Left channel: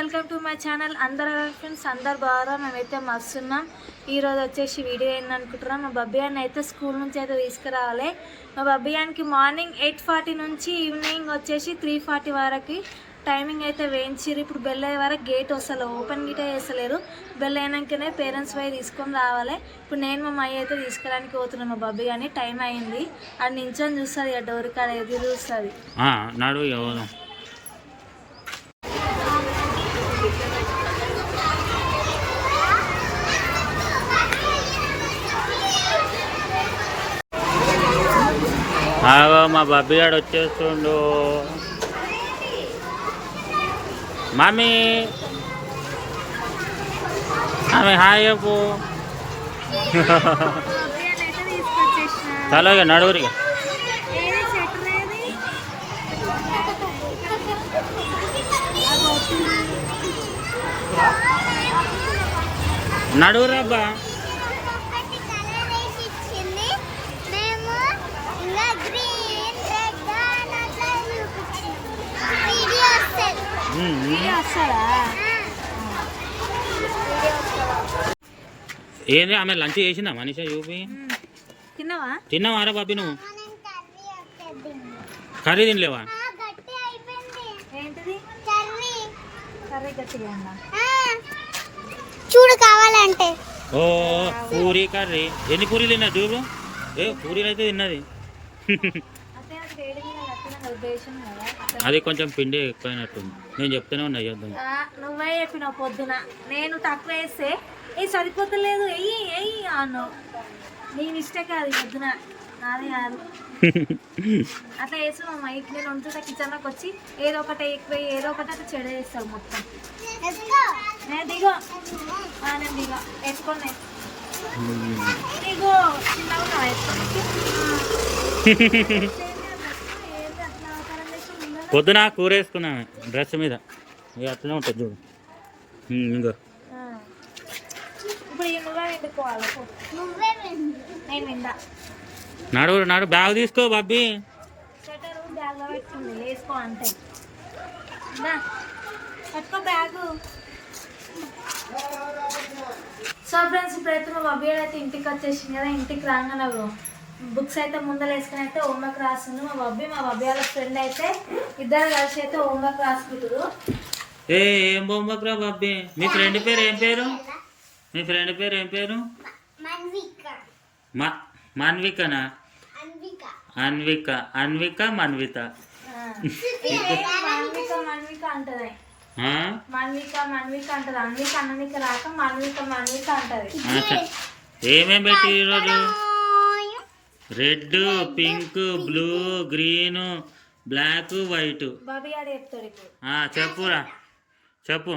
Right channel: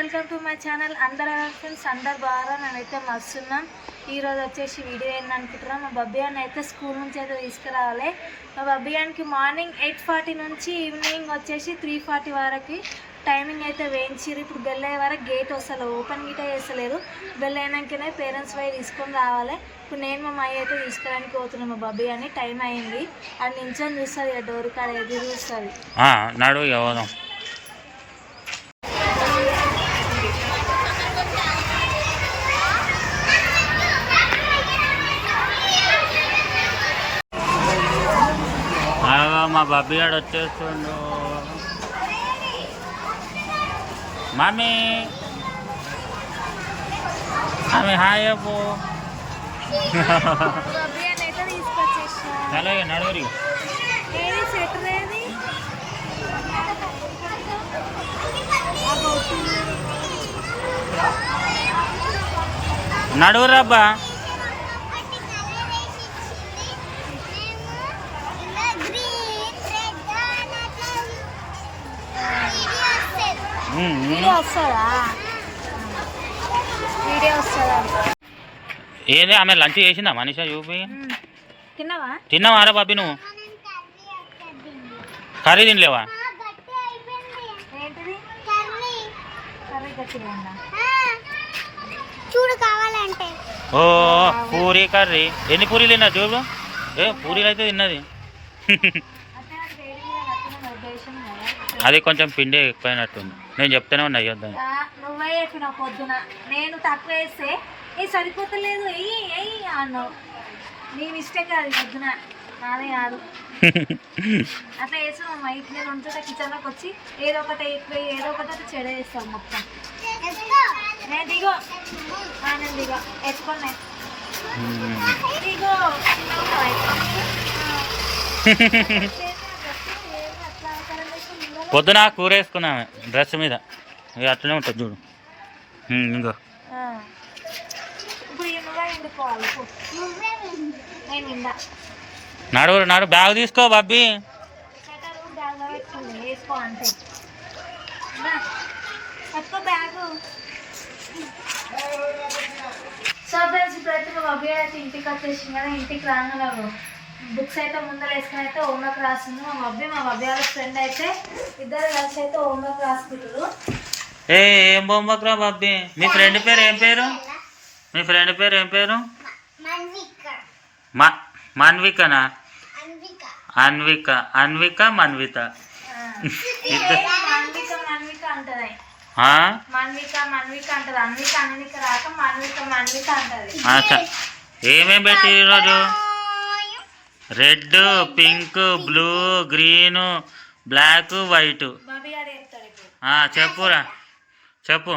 Welcome to my channel. అందరు friends అందరు బాగా మేమైతే మస్తున్నాం. ఈరోజు వచ్చేసి వీడియో ఏంటనుకుంటున్నాం, మా బబ్బియాన్ని అయితే స్కూల్ నుంచి అయితే తీసుకురావాలి. మా బబ్బియానికి మార్నింగ్ 8:40 నుంచి ఈవినింగ్ వచ్చేసి 3:40 వరకు టైమింగ్ అయితే వేయించారు. ఇప్పుడు బెల్ అయ్యే వరకు గేట్ వస్తలే, ఓపెన్ గీట చేస్తలేరు. బెల్ అయినాకనే పేరెంట్స్ పోయి తీసుకొని రావాలి. ఇప్పుడు నేను మా అమ్మాయి అయితే తీసుకురానికి పోతున్నాం. మా బబ్బియాన్ని టైం అయింది, అది నించొని చూస్తుంది, ఆ డోర్ కాడ ఎదురు చూస్తుంది. నడు ఎవరు మా బబ్బీ గాడు వచ్చేస్తుండు. మమ్మీ ఆమె హాయ్ చెప్పు. అలాగే నడువురిగా నడువురబ్బా. ఏంది ఆమె లంచ్ చేసిందా మనీషా? చూపి. తిన్నావా బాబీ? నువ్వు కర్రీ తినలేవా? చూడు కావాలంటే. ఓ పూరి కర్రీ. ఎన్ని పూరీలు తిన్నా చూడు. పూరీలు అయితే తిన్నది. అది కొంచెం పిండి ఎక్కువైనట్టుంది. నేను చెప్తూనే ఉన్నా అయ్యొద్దని. నువ్వే చెప్పినావు పొద్దున, నేను తక్కువ వేస్తే ఏ సరిపోతలేదు ఎయ్యి అన్నావు. నీ మిస్టేక్ అది, పొద్దున నాదే కాదు. అట్లా వేసావు అమ్మ. ఇట్లా నేను ఉంటుందా కిచెన్లోకి వచ్చి ఏదో ఒకటి ఎక్కువ ఏదో ఒకటి అట్లా చెడ వేస్తావు మొత్తం. నేను దిగో, నేను దిగో ఎత్తుకోండి. దిగో పొద్దున కూర వేసుకున్నామే డ్రెస్ మీద. ఇక అట్లనే ఉంటుంది చూడు. ఇంకో నాడు బ్యాగ్ తీసుకో బాబీ. సో ఫ్రెండ్స్, ఇప్పుడైతే మా బాబీ అయితే ఇంటికి వచ్చేసింది కదా. ఇంటికి రాగానే బుక్స్ అయితే ముందర వేసుకుని అయితే హోంవర్క్ రాస్తుంది మా బాబీ వాళ్ళ ఫ్రెండ్ అయితే. ఇద్దరు కలిసి అయితే హోంవర్క్ రాసుకుంటారు. ఏం హోంవర్క్ రా బాబీ? మీ ఫ్రెండ్ పేరు ఏం పేరు? మీ ఫ్రెండ్ పేరు ఏం పేరు? మన్వికనా? అన్విక. అన్విక మన్విత మన్విక అంటది. మన్విక అంటది. అన్విక అన్విక రాక మన్విక అంటది. ఏమేం పెట్టి ఈరోజు? Red, pink, blue, green, black, white. చెప్పురా, చెప్పు.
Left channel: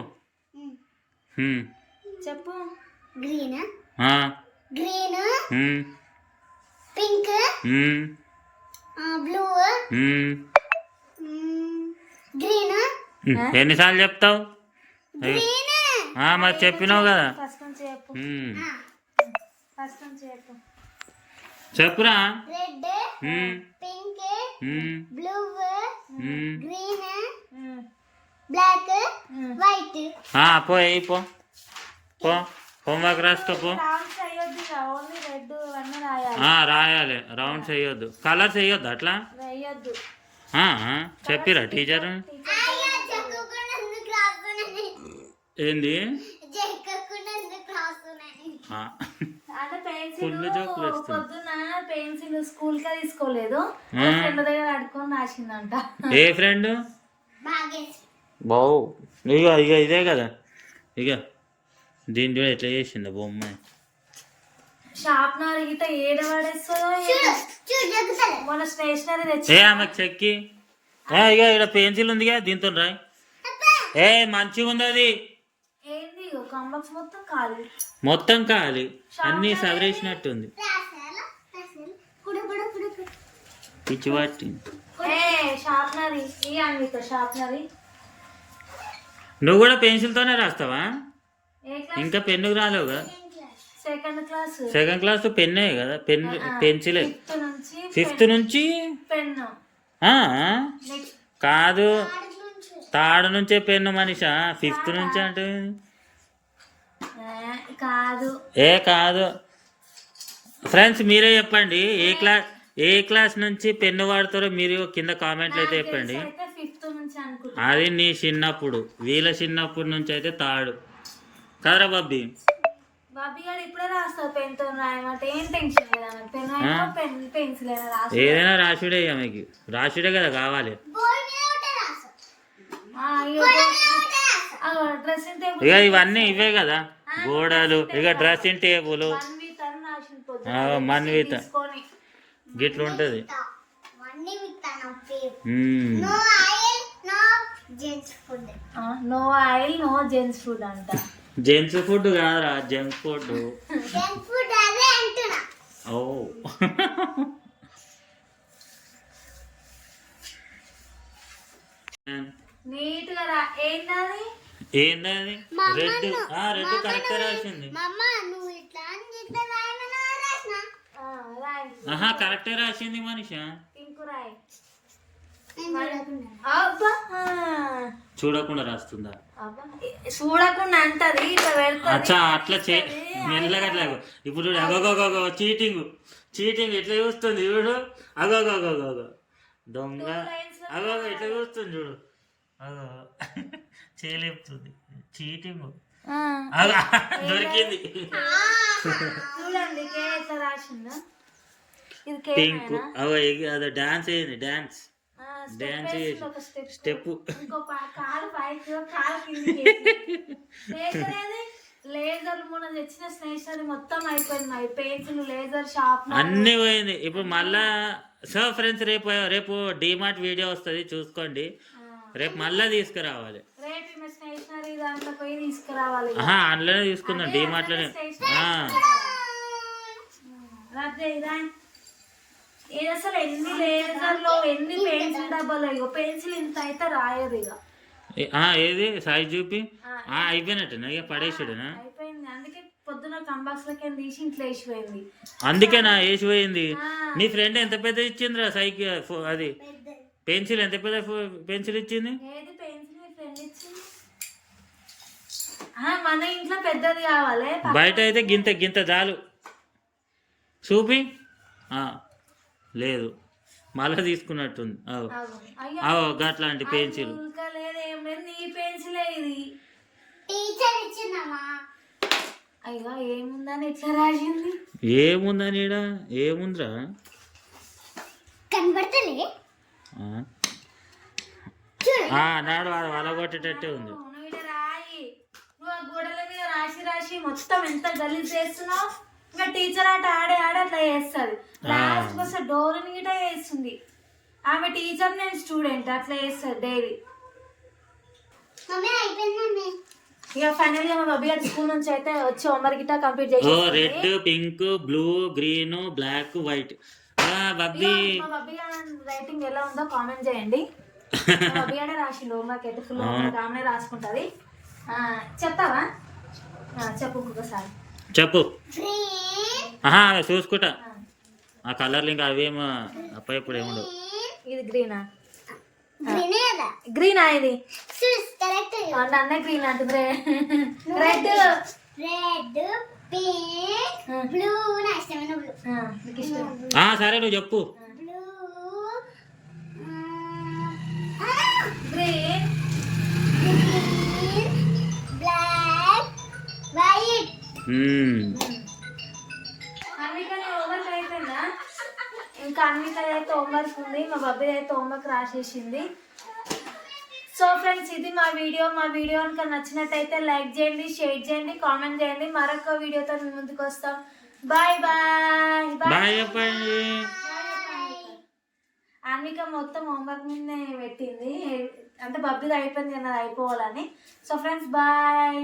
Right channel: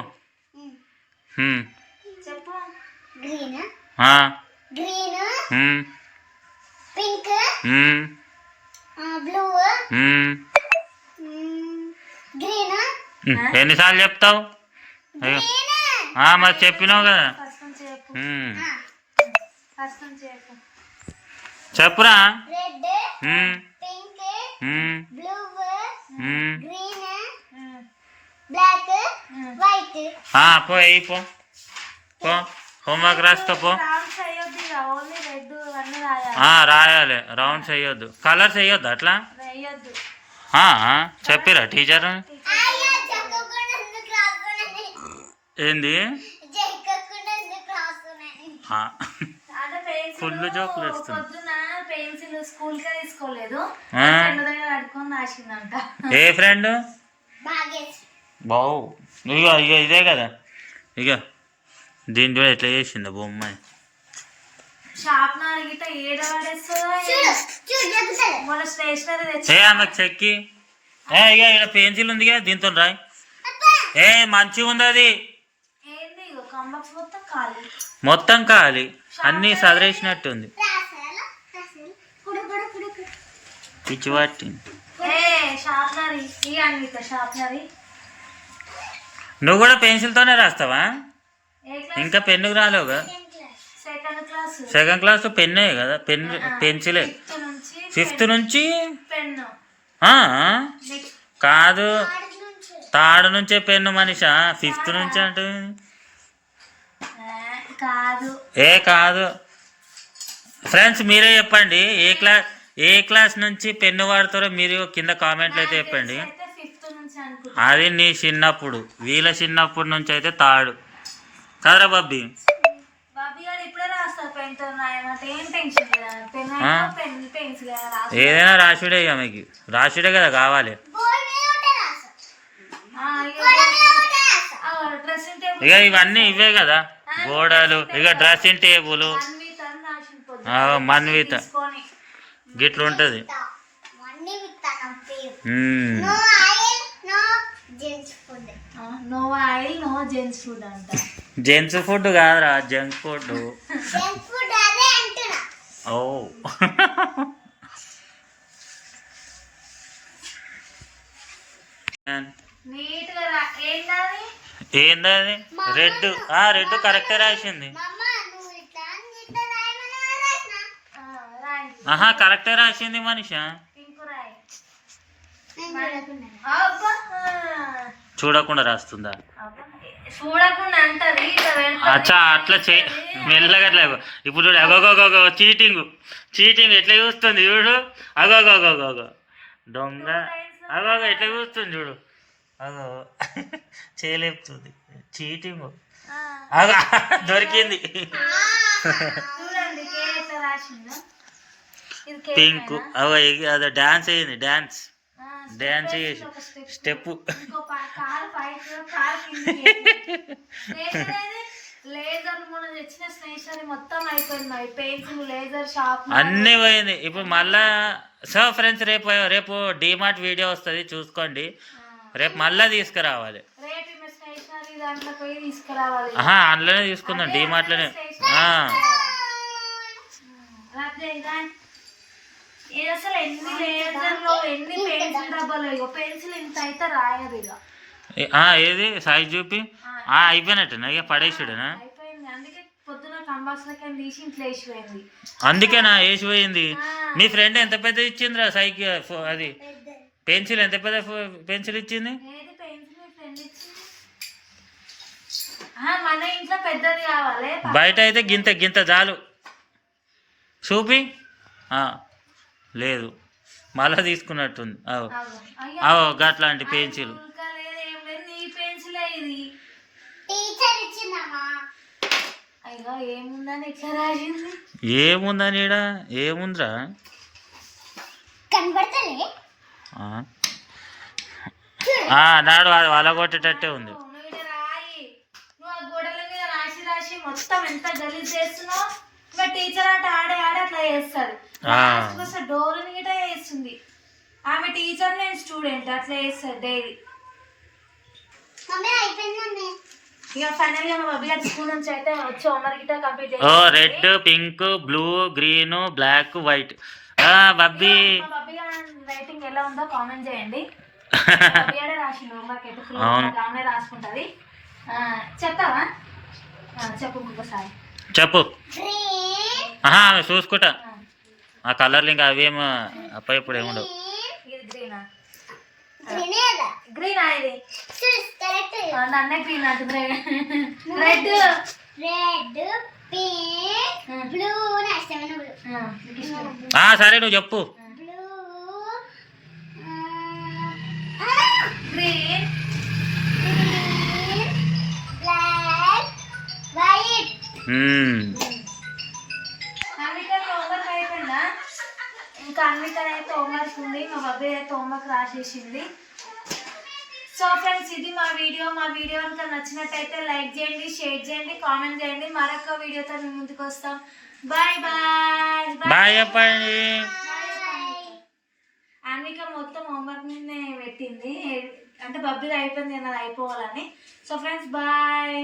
Green, pink, blue, green. ఎన్నిసార్లు చెప్తావు? మరి చెప్పినావు కదా. చెప్పురా. Red, pink, blue, green, black, white. పోయి పో హోంవర్క్ రాస్తా పో. రాయాలి. రౌండ్స్ వేయొద్దు, కలర్స్ వేయొద్దు. అట్లా చెప్పిరా టీచర్? ఏంది ఫుల్ జోకులు వస్తుంది. పెన్సిల్ స్కూల్ కే తీసుకోలేదు, రాసిందంట. ఏ ఫ్రెండ్? బావు. ఇక ఇదే కదా. ఇక దీంట్లో ఎట్లా చేసిందో బొమ్మ. ఆమెకు చెక్కి ఇక ఇక్కడ పెన్సిల్ ఉందిగా, దీంతో రాయి. మంచిగా ఉంది అది. మొత్తం ఖాళీ, అన్నీ సదరేసినట్టుంది. పిచ్చి పట్టింది. నువ్వు కూడా పెన్సిల్తోనే రాస్తావా? ఇంకా పెన్నుకు రాలేవు కదా. సెకండ్ క్లాస్ పెన్నే కదా, పెన్సిలే. 5th నుంచి కాదు, థర్డ్ నుంచే పెన్ను మనిషా, ఫిఫ్త్ నుంచి అంటే కాదు. కాదు ఫ్రెండ్స్, మీరే చెప్పండి ఏ క్లాస్ నుంచి పెన్ను వాడతారో మీరు కింద కామెంట్లు అయితే చెప్పండి. ఫిఫ్త్ నుంచి అనుకుంటా. అది నీ చిన్నప్పుడు, వీళ్ళ చిన్నప్పటి నుంచి అయితే థర్డ్ కదరా బాబీ. బాబీ గారు ఇప్పుడే రాస్తారు పెన్ తో రాయమంటే ఏం టెన్షన్ లేదా, పెన్ పెన్సిల్ ఏదైనా రాసుడే, ఇక మీకు రాసుడే కదా కావాలి. డ్రెస్సింగ్ టేబుల్ ఇక ఇవన్నీ ఇవే కదా గోడలు, ఇక డ్రెస్సింగ్ టేబుల్ మన్విత గిట్ల ఉంటుంది. No oil no gents food అంట. జెంట్స్ ఫుడ్ కాదురా, జంక్ ఫుడ్. ఓ నీట్ గా ఏం కాదు. ఏందది రెడ్? రెడ్ కరెక్టే రాసింది. కరెక్టే రాసింది మనిషి. చూడకుండా రాస్తుందా? చూడకుండా అంటది. అచ్చా అట్లా మెల్లగా అట్లా. ఇప్పుడు చూడు, అగోగోగో చీటింగ్ ఎట్లా చూస్తుంది చూడు. అగోగోగోగో దొంగ. అగోగో ఎట్లా చూస్తుంది చూడు. అగో చేయలేపుతుంది చీటింగ్. దొరికింది. పింక్. అదో డాన్స్ అయ్యింది. డాన్స్ చేసి స్టెప్. అన్నీ పోయింది. ఇప్పుడు మళ్ళా సో ఫ్రెండ్స్, రేపు డిమార్ట్ వీడియో వస్తుంది చూసుకోండి. రేపు మళ్ళా తీసుకురావాలి. అందులోనే తీసుకుందాం, డిమార్ట్లోనే. అసలు ఎన్ని లేజర్లు ఎన్ని పెన్సిల్ డబ్బాలు. పెన్సిల్ ఇంత అయితే రాయరు ఇక. ఏది సైజ్ చూపి అయిపోయినట్టేనా, ఇక పడేసాడేనా? అయిపోయింది. అందుకే పొద్దున కంబాస్లకి తీసి ఇంట్లో వేసిపోయింది. అందుకేనా వేసిపోయింది? మీ ఫ్రెండ్ ఎంత పెద్ద ఇచ్చిందిరా సైకిల్? అది పెన్సిల్ ఎంత పెద్ద పెన్సిల్ ఇచ్చింది? మన ఇంట్లో పెద్దది కావాలి. బయట అయితే గింత చాలు. చూపి లేదు, మళ్ళా తీసుకున్నట్టుంది. అట్లాంటి పెన్సిల్ ఏముందని ఈడ ఏముందిరా? నాడు అది వలగొట్టేటట్టే ఉంది. రాసి మొత్తం ఎంత గలీజ్ చేస్తున్నావు. ఇంకా టీచర్ ఆడే అట్లా చేస్తాడు. డోర్ గిట చేస్తుంది ఆమె. టీచర్ నేను స్టూడెంట్ అట్లా చేస్తాడు డైలీ. ఇక ఫైనల్ గా మా బబ్బీ గారి స్కూల్ నుంచి అయితే వచ్చి హోంవర్క్ గిట కంప్లీట్ చేసి red, pink, blue, green, black, white. Babbi writing ఎలా ఉందో కామెంట్ చేయండి. బబ్బీ గారే రాసిండు హోంవర్క్ అయితే ఫుల్ ఆమె రాసుకుంటది. చెప్తావా? చెప్పు ఒకసారి చెప్పు. చూసుకుంటా ఆ కలర్లు ఇంకా అవేమో అప్ప ఇప్పుడు ఏముండవు. ఇది గ్రీనా? గ్రీనా? ఇది నన్నే గ్రీన్ అంటుంది. Red pink blue. సరే నువ్వు చెప్పు. Green black white. హోంవర్క్ అయిపోయిందా? ఇంకా అన్విక అయితే హోంవర్క్ ఉంది. మా బాబాయ్ అయితే హోంవర్క్ రాసేసింది. సో ఫ్రెండ్స్, ఇది మా వీడియో కనుక నచ్చినట్టయితే లైక్ చేయండి, షేర్ చేయండి, కామెంట్ చేయండి. మరొక వీడియోతో మీ ముందుకు వస్తాం. Bye bye. బాయ్ చెప్పండి. అన్విక మొత్తం హోంవర్క్ మీదనే పెట్టింది, అంటే బబ్బీది అయిపోయింది కదా అయిపోవాలని. So friends, bye.